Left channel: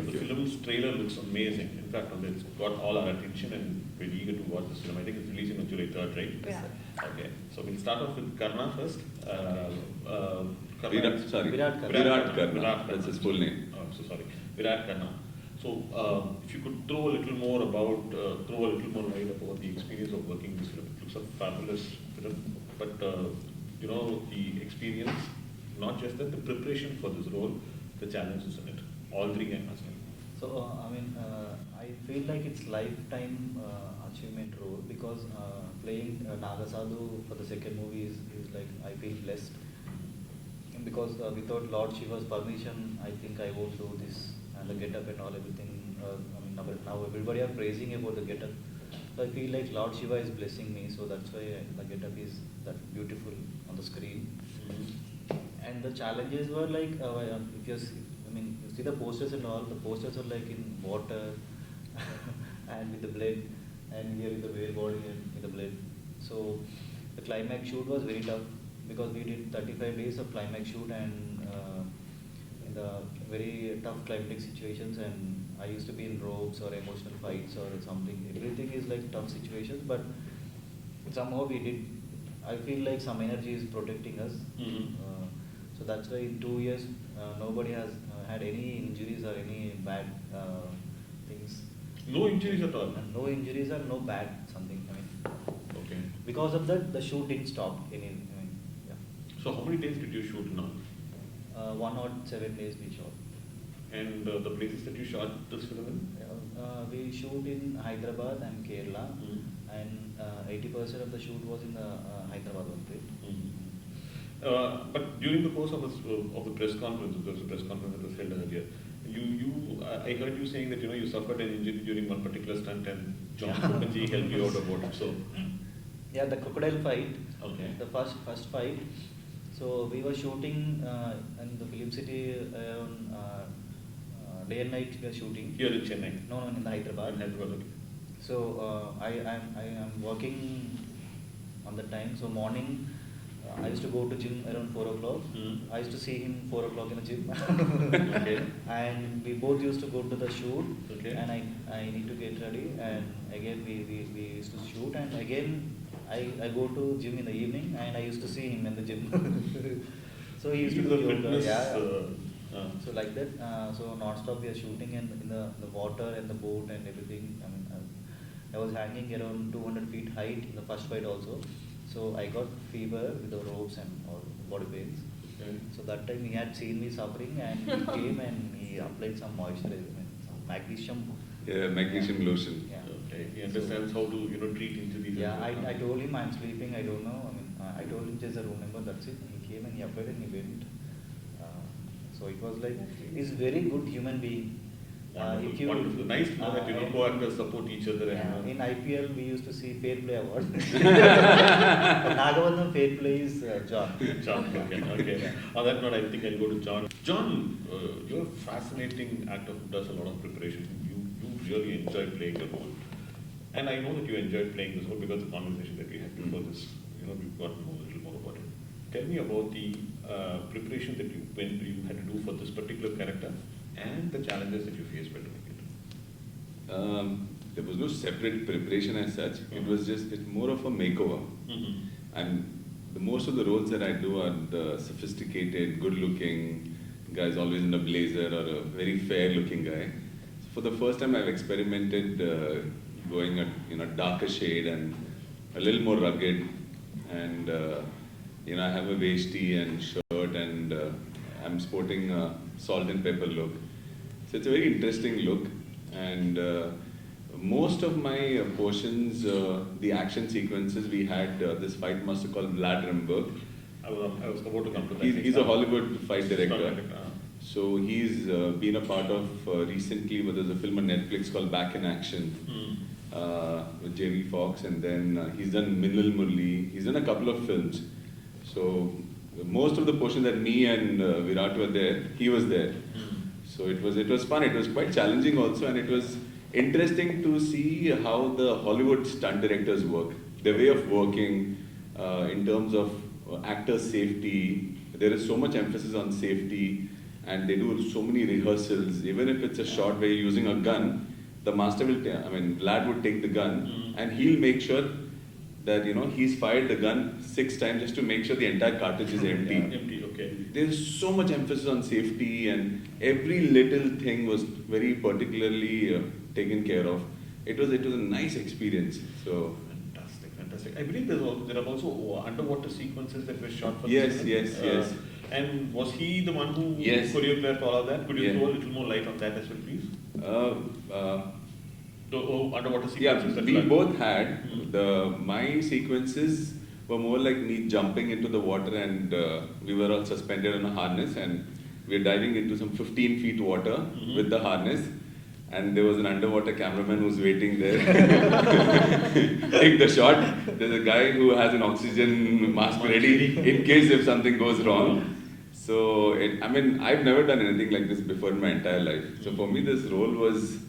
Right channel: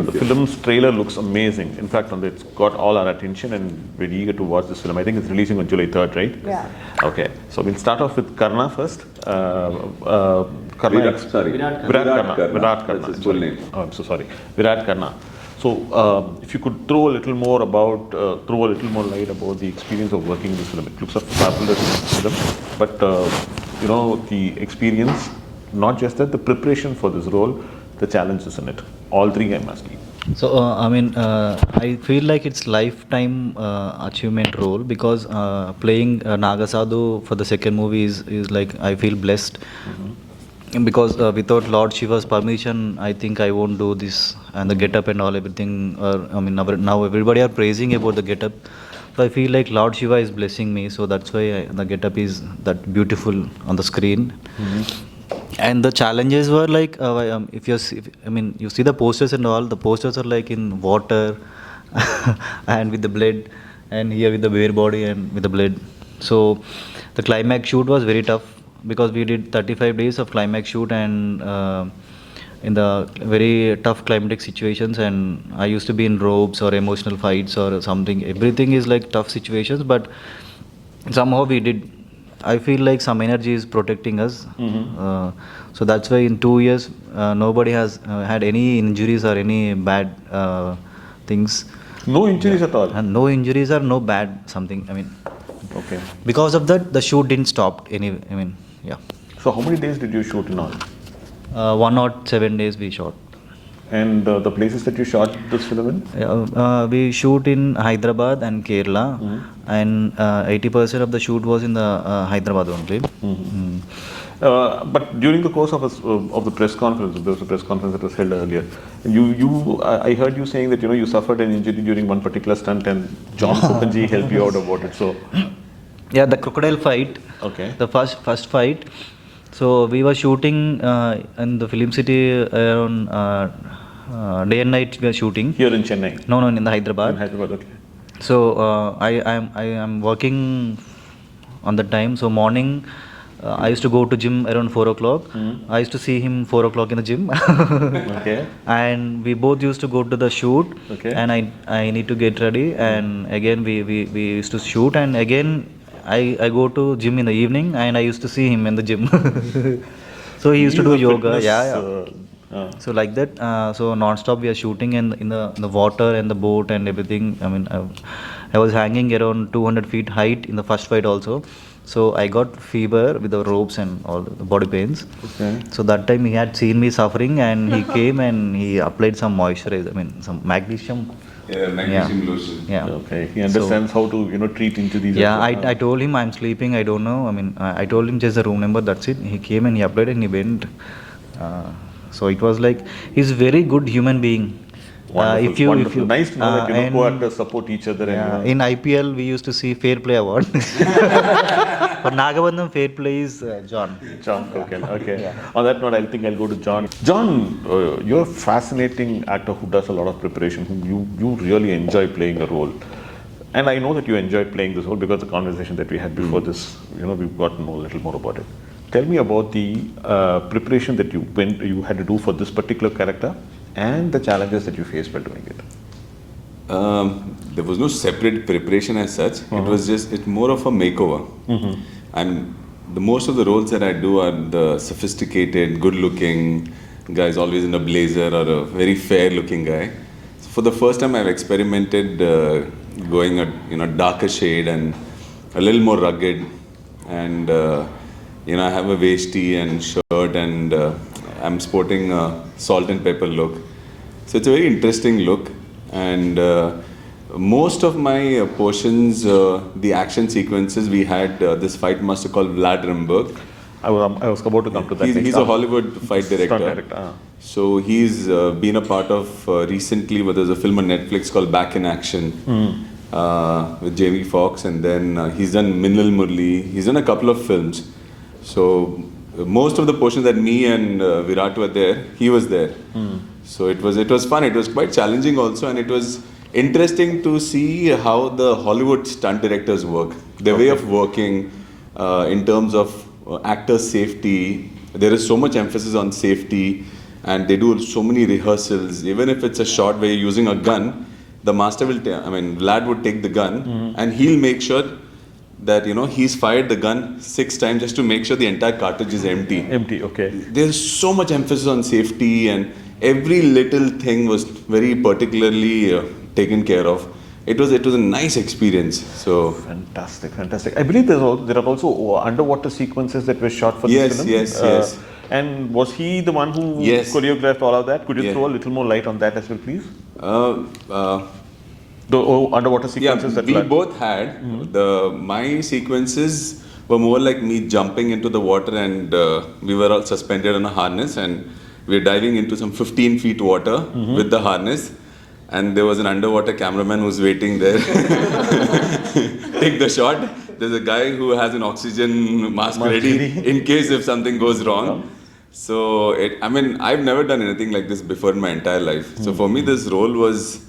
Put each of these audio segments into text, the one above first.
The film's trailer looks amazing. In fact, it's got all our attention and we're eager to watch this film. I think it's releasing on July 3rd, right? Yeah. Okay, so we'll start off with Karna first. Virat Karrna. That's his full name. Oh, I'm so sorry. Virat Karrna. So, if you could throw a little more light about the experience of working in this film. It looks a fabulous film, but the experience, not just that, the preparation for this role, the challenges in it. All three I'm asking. So, I feel like it's lifetime achievement role because playing Naga Sadhu for the second movie is like, I feel blessed. Because without Lord Shiva's permission, I think I won't do this. And the get-up and all, everything, now everybody are praising about the get-up. So I feel like Lord Shiva is blessing me, so that's why the get-up is that beautiful on the screen. And the challenges were like, you see the posters and all, the posters are like in water and with the blood, and here with the bare body and with the blood. So the climax shoot was very tough because we did 35 days of climax shoot and in the very tough climatic situations, and I used to be in robes or emotional fights or something. Everything is like tough situations, but somehow we did. I feel like some energy is protecting us. So that's why in 2 years, nobody has had any injuries or any bad things. No injuries at all? And no injuries or no bad something. Okay. Because of that, the shoot didn't stop. So how many days did you shoot in all? 107 days we shot. And the places that you shot this film in? We shoot in Hyderabad and Kerala, and 80% of the shoot was in the Hyderabad only. But during the course of the press conference, there was a press conference that was held earlier. I heard you saying that you suffered an injury during one particular stunt, and John Kupanji helped you out about it. So, yeah, the crocodile fight. Okay. The first fight. So we were shooting in the film city around day and night. We were shooting here in Chennai. No, in the Hyderabad. In Hyderabad, okay. So I am working on the time. So morning, I used to go to gym around 4 o'clock. I used to see him 4 o'clock in the gym. Okay. And we both used to go to the shoot. Okay. And I need to get ready. And again we used to shoot. And again I go to gym in the evening. And I used to see him in the gym. So he used to do yoga. So like that. So non-stop we are shooting in the water and the boat and everything. I was hanging around 200 feet height in the first fight also. So I got fever with the ropes and all the body pains. Okay. So that time he had seen me suffering and he came and he applied some moisturizer, some magnesium. Yeah, magnesium lotion. Yeah. Okay. He understands how to treat injuries. Yeah, I told him I'm sleeping, I don't know. I told him just the room number, that's it. He came and he applied and he went. So it was like, he's a very good human being. Wonderful, wonderful. Nice to know that co-actors support each other. Yeah, in IPL, we used to see Fair Play Award. For Nagabandham, Fair Play is John. John, okay. Yeah. On that note, I think I'll go to John. John, you're a fascinating actor who does a lot of preparation. You really enjoy playing a role. And I know that you enjoyed playing this role because the conversation that we had before this, we've got to know a little more about it. Tell me about the preparation that you had to do for this particular character and the challenges that you faced while doing it. There was no separate preparation as such. It's more of a makeover. And the most of the roles that I do are the sophisticated, good-looking guys, always in a blazer or a very fair-looking guy. So for the first time, I've experimented going a darker shade and a little more rugged. And I have a veshti and shirt, and I'm sporting a salt and pepper look. So it's a very interesting look. And most of my portions, the action sequences, we had this fight master called Vlad Remberg. I was about to come to that. He's a Hollywood fight director. So he's been a part of recently, there's a film on Netflix called Back in Action with Jamie Foxx, and then he's done Minnal Murali. He's done a couple of films. So most of the portions that me and Virat were there, he was there. So it was fun. It was quite challenging also, and it was interesting to see how the Hollywood stunt directors work. Their way of working in terms of actor safety. There is so much emphasis on safety, and they do so many rehearsals. Even if it's a shot where you're using a gun, the master will, Vlad would take the gun and he'll make sure that, he's fired the gun 6 times just to make sure the entire cartridge is empty. Empty, okay. There's so much emphasis on safety, and every little thing was very particularly taken care of. It was a nice experience. So fantastic. I believe there are also underwater sequences that were shot for this film. Yes. And was he the one who choreographed all of that? Could you throw a little more light on that as well, please? The underwater sequences that we both had. My sequences were more like me jumping into the water, and we were all suspended on a harness, and we were diving into some 15 feet water with the harness. And there was an underwater cameraman who's waiting there. Take the shot. There's a guy who has an oxygen mask ready in case if something goes wrong. So, I've never done anything like this before in my entire life. So for me, this role was,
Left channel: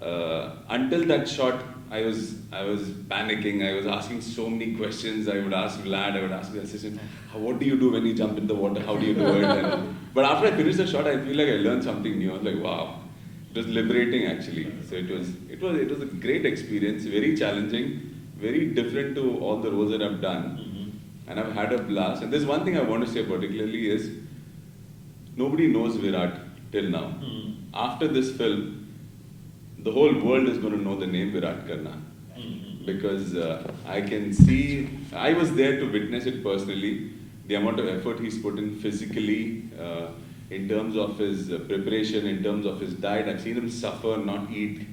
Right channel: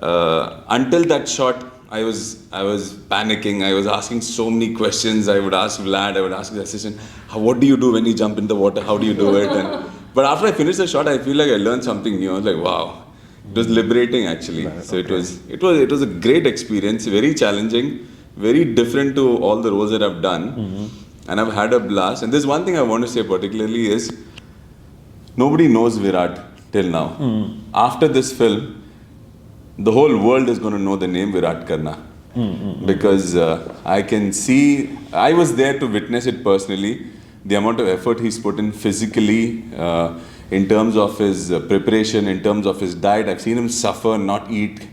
until that shot, I was panicking. I was asking so many questions. I would ask Vlad, I would ask the assistant, what do you do when you jump in the water? How do you do it? But after I finished the shot, I feel like I learned something new. I was like, wow. It was liberating, actually. So it was a great experience, very challenging, very different to all the roles that I've done. And I've had a blast. And there's one thing I want to say particularly is, nobody knows Virat till now. After this film, the whole world is going to know the name Virat Karrna. Because I can see, I was there to witness it personally, the amount of effort he's put in physically, in terms of his preparation, in terms of his diet. I've seen him suffer, not eat,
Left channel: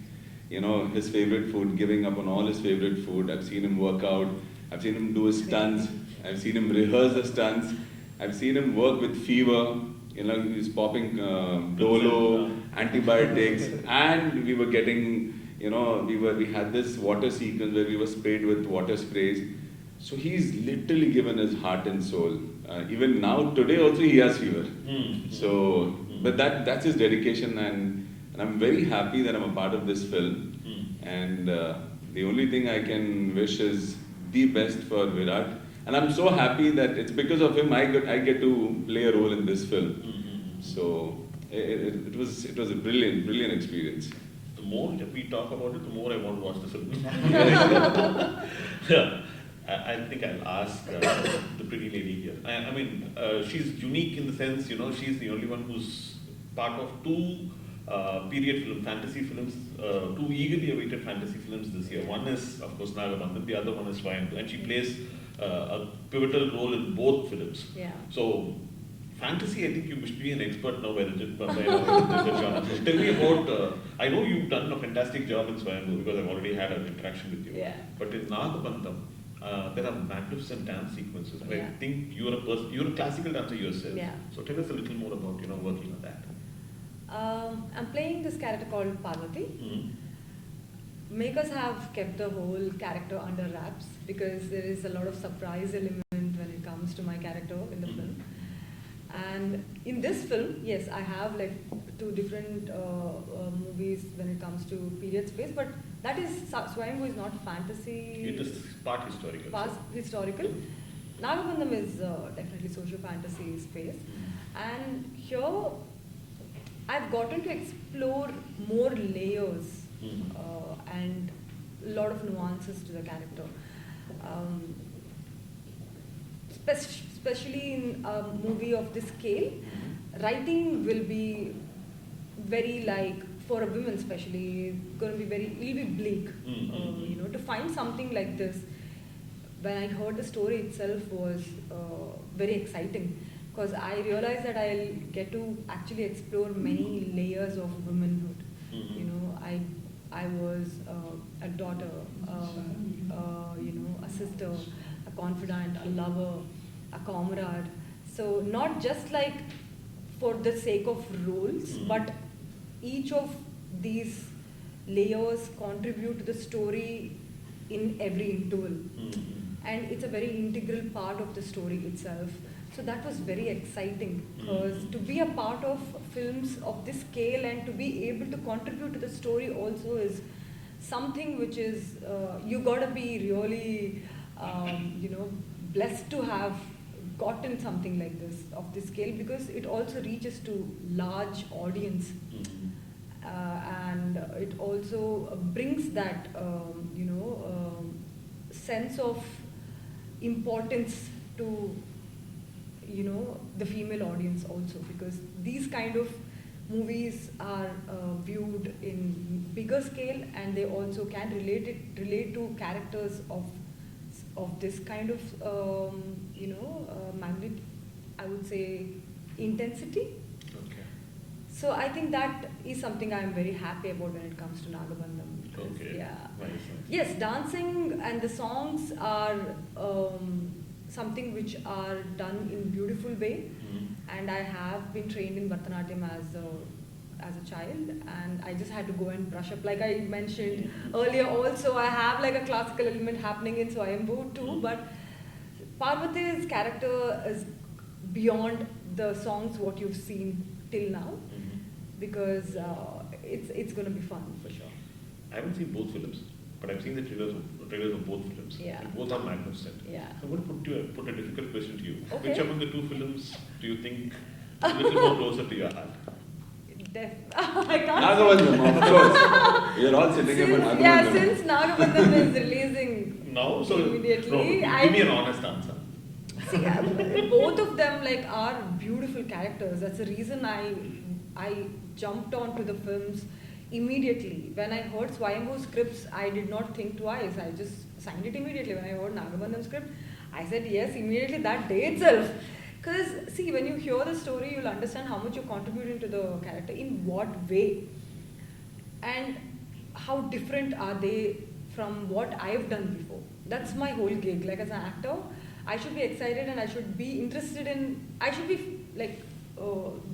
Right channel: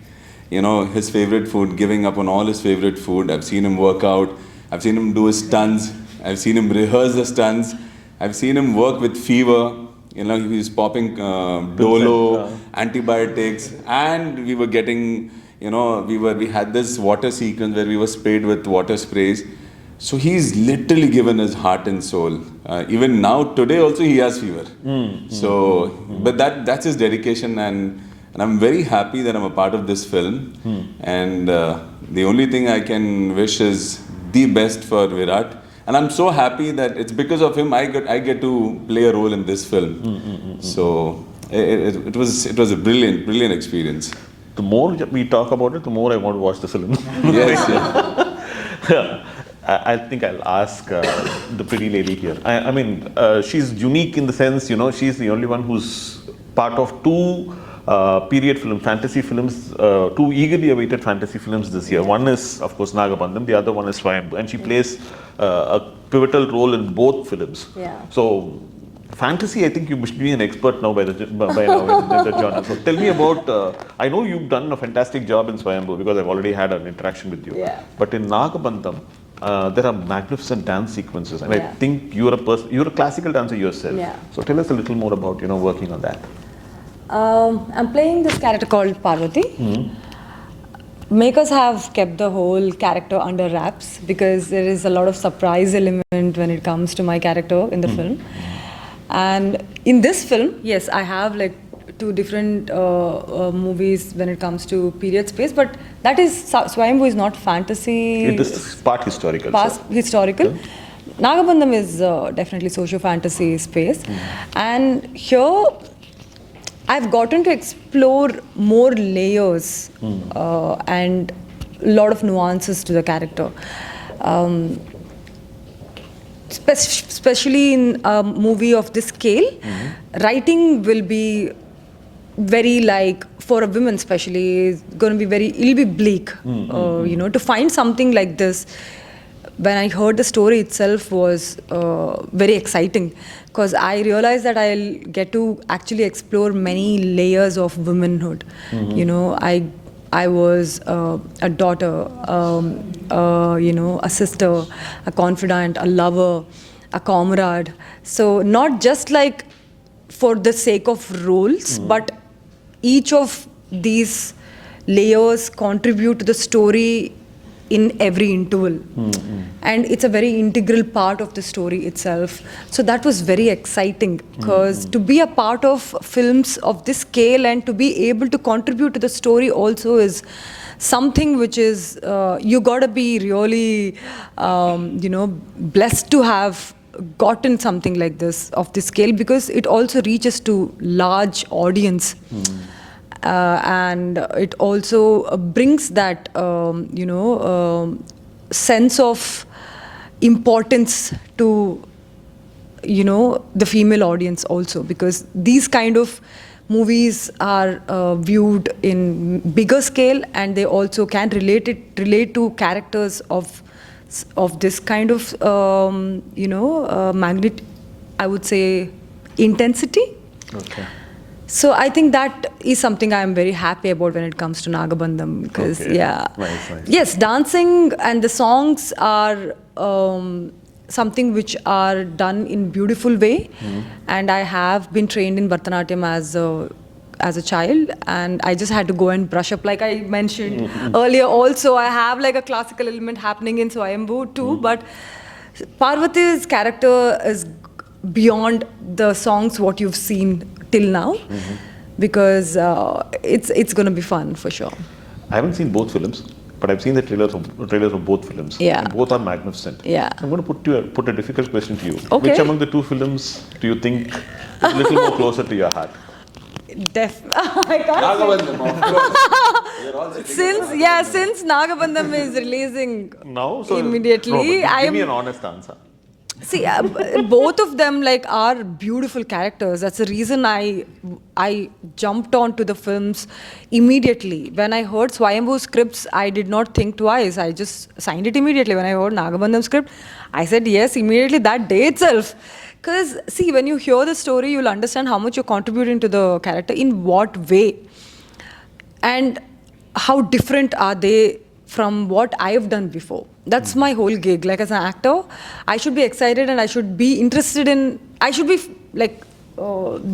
his favorite food, giving up on all his favorite food. I've seen him work out. I've seen him do his stunts. I've seen him rehearse the stunts. I've seen him work with fever. He's popping Dolo, antibiotics, and we were getting, we had this water sequence where we were sprayed with water sprays. So he's literally given his heart and soul. Even now, today also he has fever. But that's his dedication, and I'm very happy that I'm a part of this film. And the only thing I can wish is the best for Virat. And I'm so happy that it's because of him I get to play a role in this film. So it was a brilliant experience. The more we talk about it, the more I want to watch the film. Yes. I think I'll ask the pretty lady here. She's unique in the sense, she's the only one who's part of 2 period fantasy films, 2 eagerly awaited fantasy films this year. One is, of course, Nagabandham. The other one is Swayambhu, and she plays a pivotal role in both films. Yeah. So, fantasy, I think you must be an expert now by now in the genre. So, tell me about. I know you've done a fantastic job in Swayambhu because I've already had an interaction with you. Yeah. But in Nagabandham, there are magnificent dance sequences, and I Yeah. think you're a classical dancer yourself. Yeah. So tell us a little more about working on that. I'm playing this character called Parvati. Makers have kept the whole character under wraps because there is a lot of surprise element when it comes to my character in the film. And in this film, yes, I have like 2 different movies when it comes to period space, but that is, Swayambhu is not fantasy. It is part historical. Historical. Yeah. Nagabandham is definitely socio-fantasy space. And here, I've gotten to explore more layers and a lot of nuances to the character. Especially in a movie of this scale, writing will be very, like, for a woman especially, is going to be it'll be bleak. To find something like this, when I heard the story itself was very exciting, because I realized that I'll get to actually explore many layers of womanhood. I was a daughter, a sister, a confidant, a lover, a comrade. So not just like for the sake of roles, but each of these layers contribute to the story in every interval. And it's a very integral part of the story itself. So that was very exciting, because to be a part of films of this scale and to be able to contribute to the story also is something which is, you gotta be really, blessed to have gotten something like this of this scale, because it also reaches to large audience. And it also brings that sense of importance to the female audience also, because these kind of movies are viewed in bigger scale, and they also can relate to characters of this kind of magnitude, I would say, intensity. Okay. So I think that is something I am very happy about when it comes to Nagabandham, because Okay. Nice. yes, dancing and the songs are something which are done in beautiful way, and I have been trained in Bharatanatyam as a child, and I just had to go and brush up, like I mentioned earlier. Also, I have like a classical element happening in Swayambhu too, but Parvati's character is beyond the songs what you've seen till now, because it's going to be fun for sure. I haven't seen both films, but I've seen the trailers of both films. Yeah. And both are magnificent. Yeah. I'm going to put a difficult question to you. Okay. Which among the two films do you think is a little more closer to your heart? I can't Nagabandham, of course. You're all sitting in since Nagabandham is releasing No, so immediately, give me an honest answer. see, both of them are beautiful characters. That's the reason I jumped onto the films immediately. When I heard Swayambhu scripts, I did not think twice. I just signed it immediately. When I heard Nagabandham script, I said yes immediately that day itself. Because see, when you hear the story, you'll understand how much you're contributing to the character, in what way, and how different are they from what I've done before. That's my whole gig. Like, as an actor, I should be excited and I should be interested in, I should be, like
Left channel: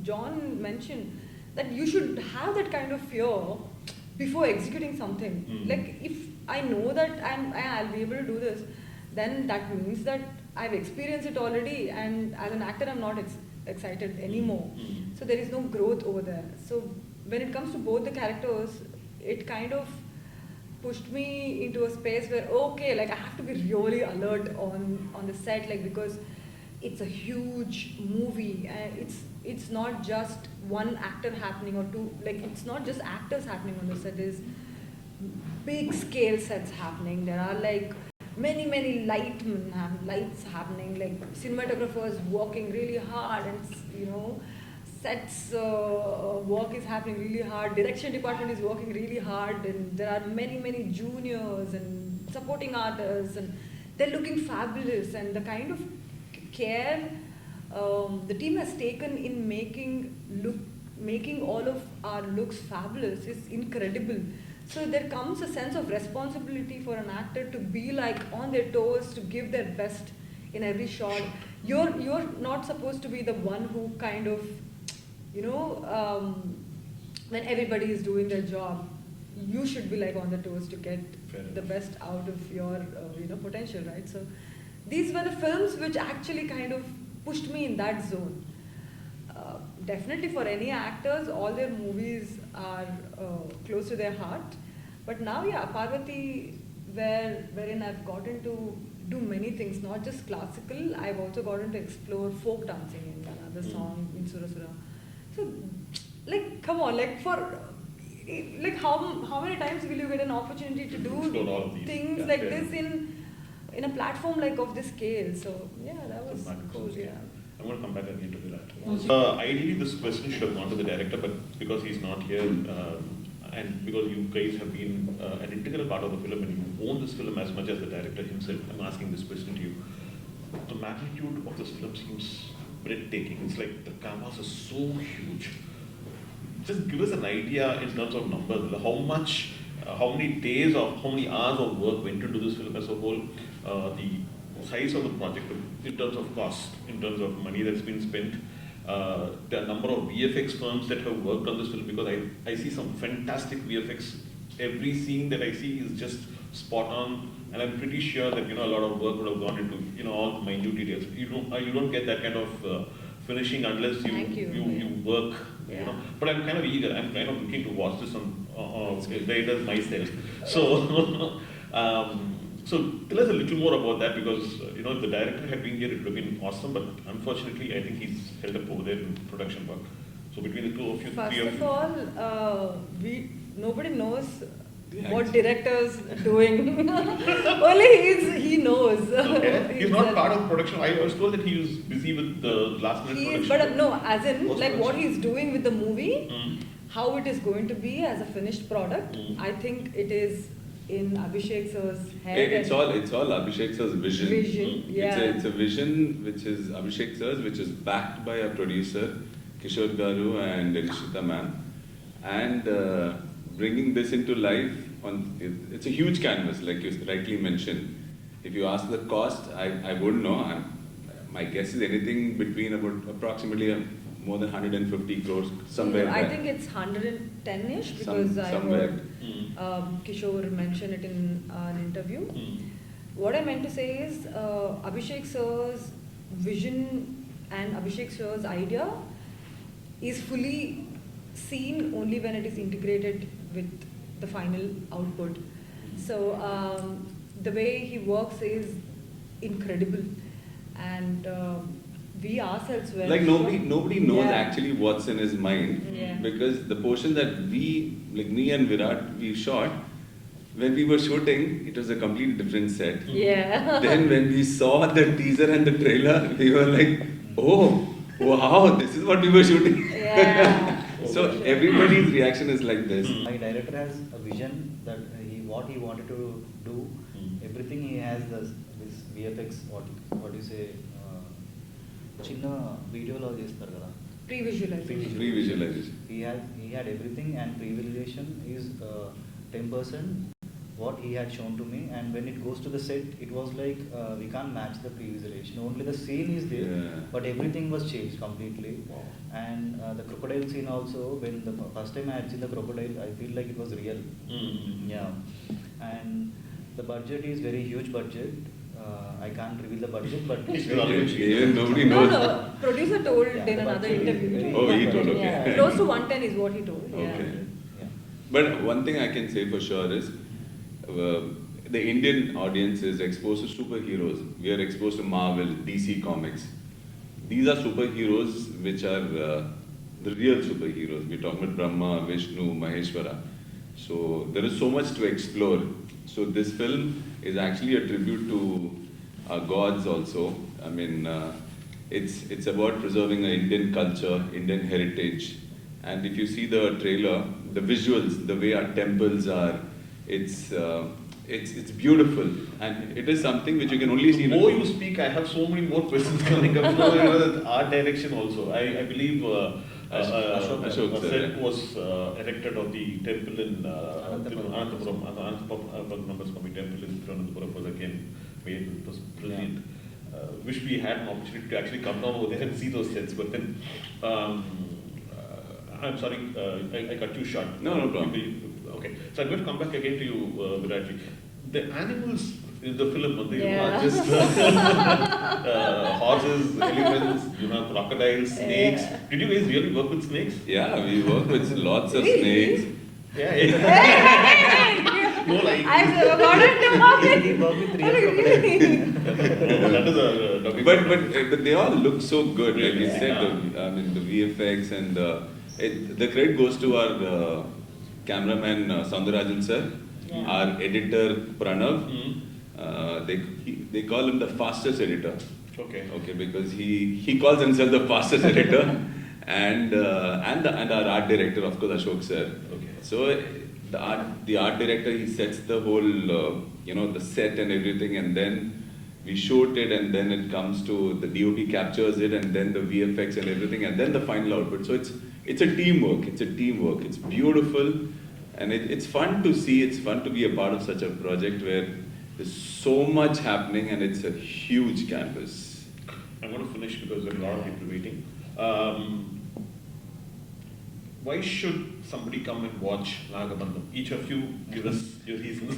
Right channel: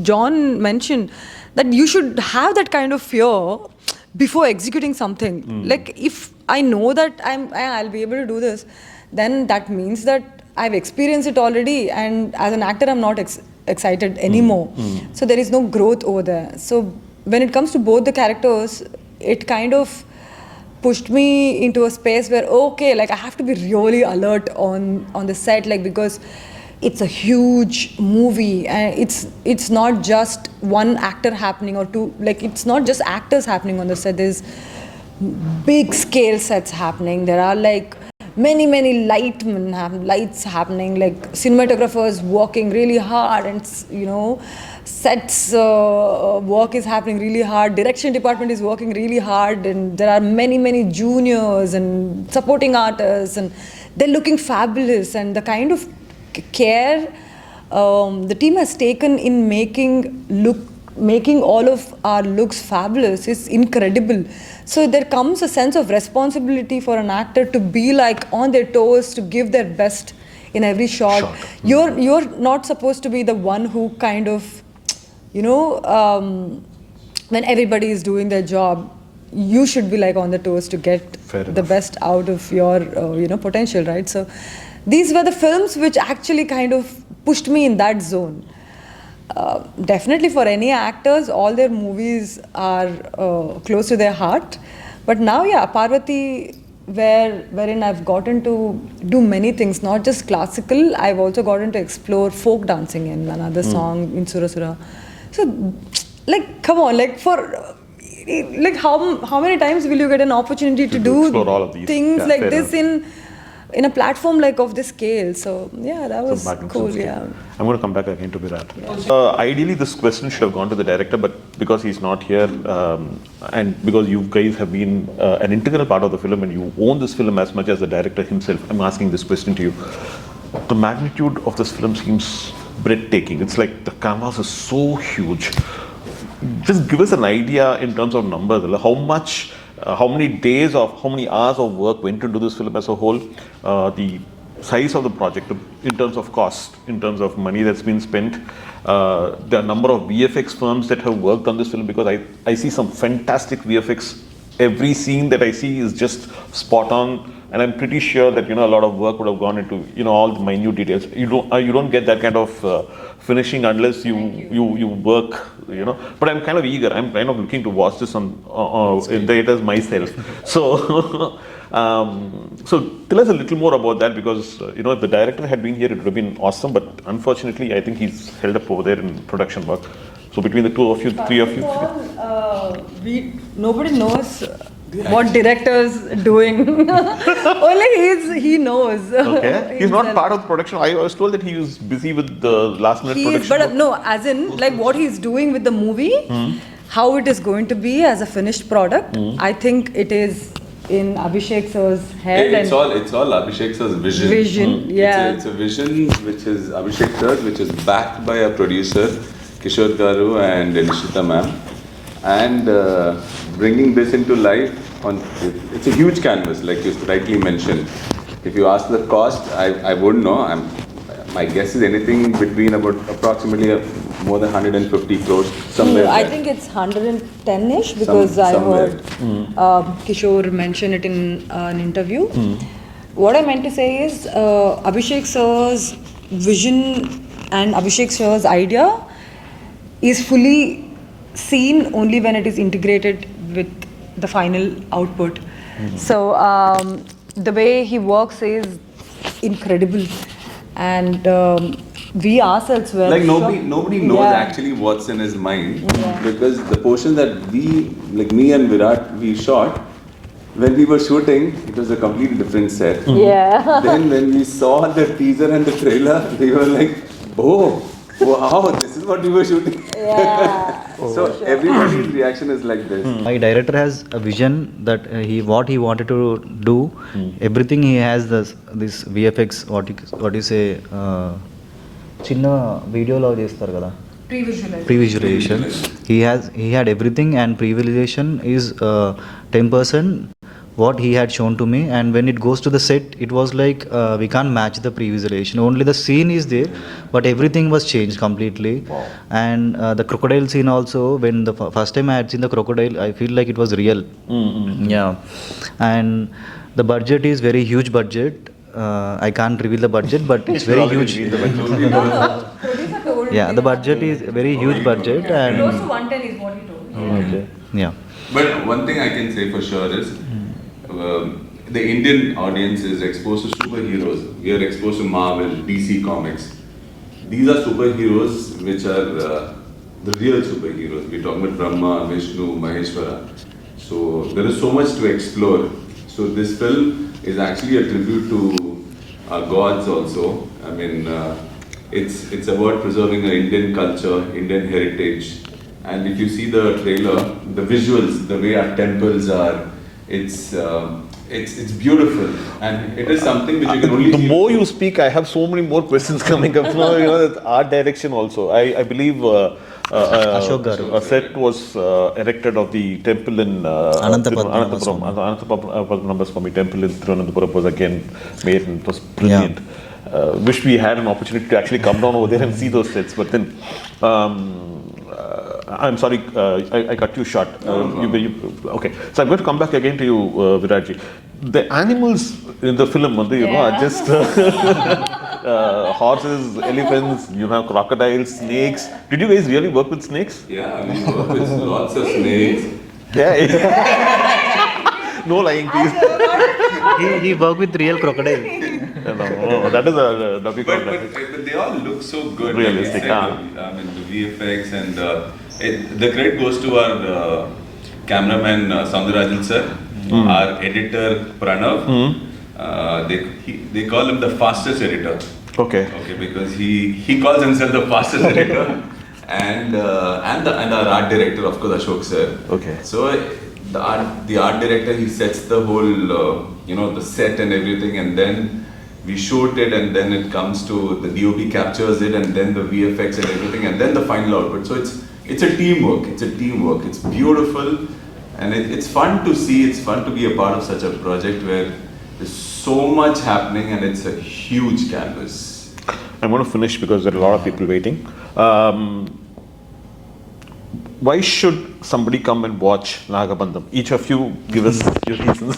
John mentioned, that you should have that kind of fear before executing something. Like, if I know that I'll be able to do this, then that means that I've experienced it already, and as an actor, I'm not excited anymore. So there is no growth over there. So when it comes to both the characters, it kind of pushed me into a space where, okay, like I have to be really alert on the set, like, because it's a huge movie, and it's not just one actor happening or two, like it's not just actors happening on the set. There's big scale sets happening. There are like many lights happening, like cinematographers working really hard, and sets work is happening really hard. Direction department is working really hard, and there are many juniors and supporting artists, and they're looking fabulous. And the kind of care the team has taken in making all of our looks fabulous is incredible. So there comes a sense of responsibility for an actor to be like on their toes, to give their best in every shot. You're not supposed to be the one who kind of, when everybody is doing their job, you should be like on the toes to get the best out of your potential, right? So these were the films which actually kind of pushed me in that zone. Definitely for any actors, all their movies are close to their heart. But now, Parvati, wherein I've gotten to do many things, not just classical, I've also gotten to explore folk dancing in another song in Surasura. So, like, come on, like how many times will you get an opportunity to do explore all of these things like this enough. in a platform like of this scale? So that was cool. Scale. I'm going to come back again to Virat. Ideally, this question should have gone to the director, but because he's not here, and because you guys have been an integral part of the film and you own this film as much as the director himself, I'm asking this question to you. The magnitude of this film seems breathtaking. It's like the canvas is so huge. Just give us an idea in terms of numbers. How many days of, how many hours of work went into this film as a whole? The size of the project in terms of cost, in terms of money that's been spent, the number of VFX firms that have worked on this film, because I see some fantastic VFX. Every scene that I see is just spot on, and I'm pretty sure that a lot of work would have gone into all the minute details. You don't get that kind of finishing unless you work. But I'm kind of eager. I'm kind of looking to watch this in theaters myself. So So tell us a little more about that, because if the director had been here, it would have been awesome. But unfortunately, I think he's held up over there in production work. So between the two of you, three of you, Nobody knows what director's doing. Only he knows. okay, he's not part of the production. I was told that he was busy with the last minute production. But no, as in like what he's doing with the movie, how it is going to be as a finished product. I think it is in Abhishek sir's head. It's all Abhishek sir's vision. Yeah. It's a vision which is Abhishek sir's, which is backed by a producer, Kishore Garu and Nishitha ma'am, and bringing this into life it's a huge canvas, like you rightly mentioned. If you ask the cost, I wouldn't know. My guess is anything between about approximately more than 150 crores somewhere. I think it's 110ish because I heard Kishore mention it in an interview. What I meant to say is Abhishek sir's vision and Abhishek sir's idea is fully seen only when it is integrated with the final output. So the way he works is incredible, and we ourselves were like nobody knows actually what's in his mind, because the portion that me and Virat, we shot, when we were shooting, it was a completely different set. Yeah. Then when we saw the teaser and the trailer, we were like, oh, wow, this is what we were shooting. Yeah. So everybody's reaction is like this. My director has a vision that what he wanted to do. Everything he has this VFX, what you say, చిన్న వీడియోలో చేస్తారు కదా, pre-visualization. He had everything, and pre-visualization is 10% what he had shown to me, and when it goes to the set, it was like we can't match the pre-visualization. Only the scene is there, but everything was changed completely. Wow. And the crocodile scene also, when the first time I had seen the crocodile, I feel like it was real. Yeah. And the budget is very huge budget. I can't reveal the budget, but it's very huge. Producer told Yeah, the budget is very huge budget. And close to 110 is what he told. okay. Yeah. But one thing I can say for sure is the Indian audience is exposed to superheroes. We are exposed to Marvel, DC Comics. These are superheroes which are the real superheroes. We're talking about Brahma, Vishnu, Maheshwara. So there is so much to explore. So this film is actually a tribute to our gods also. I mean, it's about preserving our Indian culture, Indian heritage. And if you see the trailer, the visuals, the way our temples are, it's beautiful, and it is something which you can only the see. more you speak, I have so many more questions coming up. Art direction also. I believe a set was erected of the temple in Anantha Padmanabhaswamy Temple in Thiruvananthapuram was again made, and it was brilliant. Wish we had an opportunity to actually come down over there and see those sets, but then I'm sorry, I cut you short. Okay, so I'm going to come back again to you, Viratji. The animals in the film, are just horses, elephants, you have crocodiles, snakes. Did you guys really work with snakes? Yeah, we work with lots of snakes. No lying, please. He worked with real crocodile. No, that is a But they all look so good. Realistic, I mean, the VFX and the credit goes to our cameraman Soundarajan sir, our editor Pranav. They call him the fastest editor. Okay, because he calls himself the fastest editor, and our art director, of course, Ashok sir. Okay. So the art director, he sets the whole the set and everything, and then we shoot it, and then it comes to the DOP captures it, and then the VFX and everything, and then the final output. So it's a teamwork. It's beautiful, and it's fun to see. It's fun to be a part of such a project where there's so much happening, and it's a huge canvas. I'm going to finish because there are a lot of people waiting. Why should somebody come and watch Nagabandham? Each of you give us your reasons.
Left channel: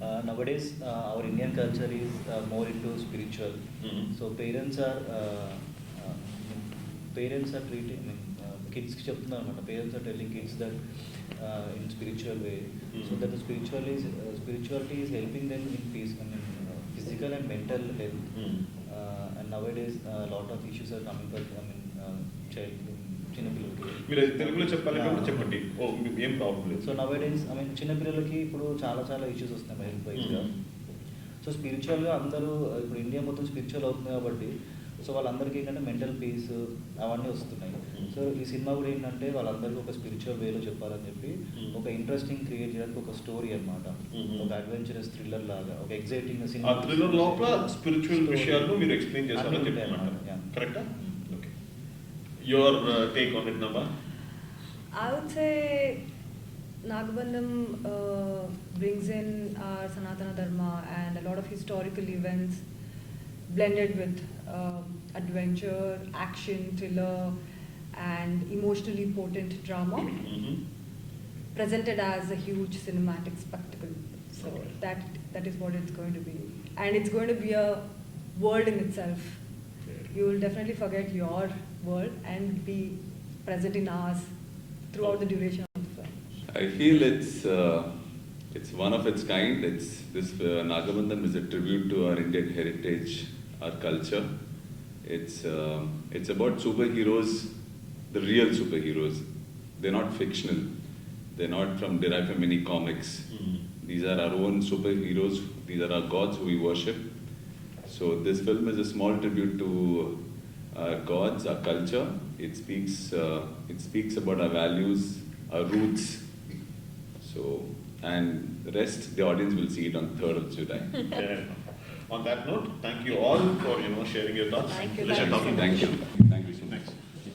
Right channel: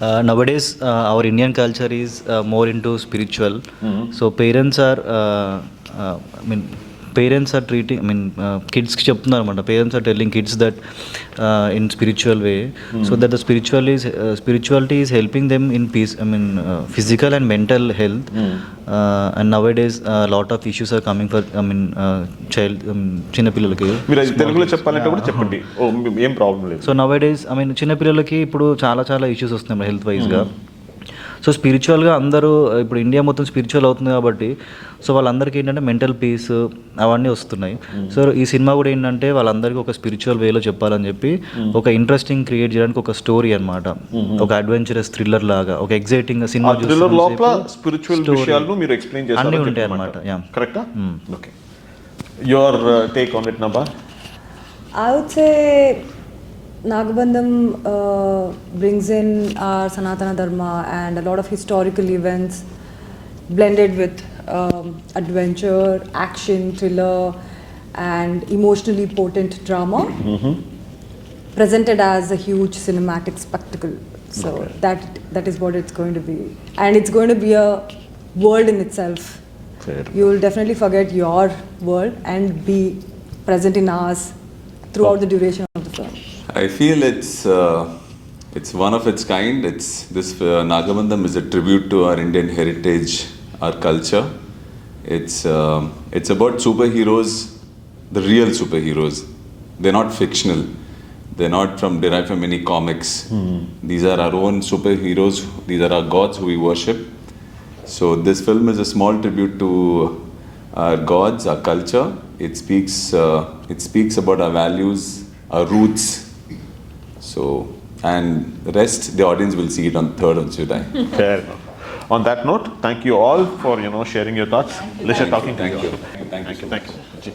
Nowadays, our Indian culture is more into spiritual. So parents are, parents are treating, I mean కిడ్స్కి చెప్తున్నారు అనమాట, parents are telling kids that in spiritual way, so that the spirituality is helping them in peace, I mean physical and mental health. And nowadays a lot of issues are coming for, I mean child, చిన్న పిల్లలకి. మీరు అది తెలుగులో చెప్పాలంటే కూడా చెప్పండి, ఏం problem లేదు. సో నవైడేస్, ఐ మీన్ చిన్న పిల్లలకి ఇప్పుడు చాలా చాలా ఇష్యూస్ వస్తున్నాయి హెల్త్ వైజ్గా. సో స్పిరిచువల్గా అందరూ ఇప్పుడు ఇండియా మొత్తం స్పిరిచువల్ అవుతుంది కాబట్టి, సో వాళ్ళందరికీ ఏంటంటే మెంటల్ పీస్ అవన్నీ వస్తున్నాయి. సో ఈ సినిమా కూడా ఏంటంటే వాళ్ళందరికీ ఒక స్పిరిచువల్ వేలో చెప్పాలని చెప్పి ఒక ఇంట్రెస్టింగ్ క్రియేట్ చేయడానికి ఒక స్టోరీ అనమాట, ఒక అడ్వెంచరస్ థ్రిల్లర్ లాగా, ఒక ఎగ్జైటింగ్ సినిమా అన్నీ ఉంటాయి అనమాట. కరెక్టా? Okay, your take on it, Nabha? I would say Nagabandham brings in our Sanatana Dharma and a lot of historical events blended with adventure, action, thriller and emotionally potent drama, presented as a huge cinematic spectacle. So that is what it's going to be, and it's going to be a world in itself. Fair. You will definitely forget your world and be present in ours throughout the duration of the film. I feel it's one of its kind. Nagabandham is a tribute to our Indian heritage, our culture. It's about superheroes, the real superheroes. They're not fictional. They're not derived from any comics. These are our own superheroes. These are our gods who we worship. So this film is a small tribute to our gods, our culture. It speaks about our values, our roots. So, and the rest, the audience will see it on 3rd of July. Fair enough. On that note, thank you all for sharing your thoughts. Pleasure talking to you. Thank you. Thank you.